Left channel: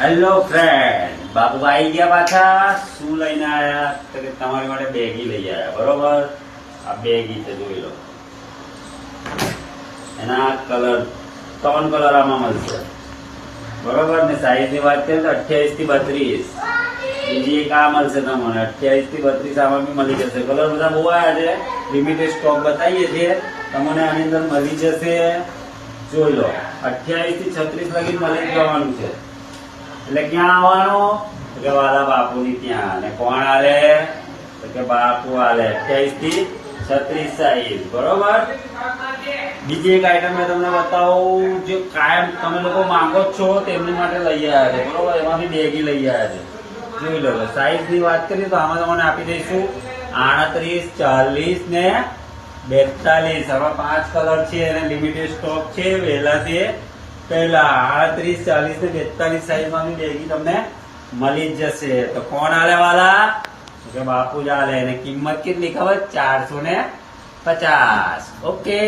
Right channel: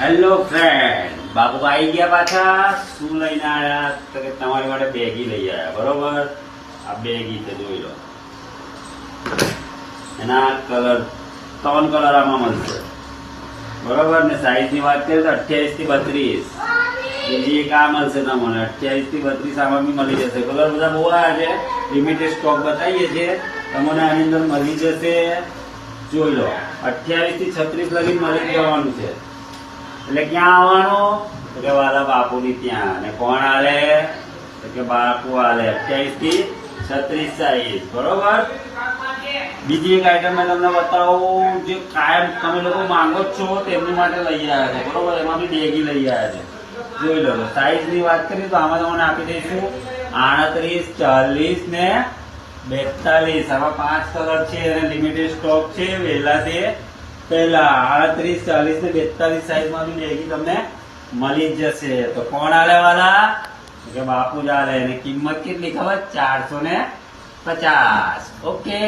Hello friend, બાપુ આવી ગયા પાછા. શું લઈને આયા? તો કે તમારી માટે બેગી લઈ આયા. બરોબર, આ બેગી તો જોઈ લો. એના કલર 3 કલર આમાં મળશે. બરોબર ને સાઈઝ ની વાત કરીએ તો 28 થી 32. બીજી એક આ મળશે તમને 28 થી 32. આમાં બી મળી જશે. કલર બધા બહુ આવ્યા છે. લિમિટેડ સ્ટોક બતાવીએ છીએ. તમને આની અંદર મળી જશે. જોઈ લો, 28 થી 36 લગી મળી જવાનું છે. એટલે ક્યાં આવવાનું? તો કે વાલા બાપુની ત્યાં. અને કોણ આલે? તો કે બાપુ આલે. 28 થી 36 સાઈઝ. બરોબર. બીજી એક આઈટમ મેં તમને બતાવું, જે કાયમ તમે લોકો માંગો જ છો તેમની માટે લઈ આવ્યા છે. બરોબર, એમાં બી બેગી લઈ આવ્યા છે. જોઈ લો, સાઈઝ ની વાત કરીએ તો આમાં તમને આપી દઈશું 38, 40 ને 42. આવા 5 કલર છે અને લિમિટેડ સ્ટોક છે. વહેલા છે પહેલા 38, 40 ને 42 સાઈઝ માં બી બેગી તમને મળી જ જશે. તો કોણ આલે વાલા? કે બાપુ જ આલે. અને કિંમત કેટલી ખબર? 450. ઓકે.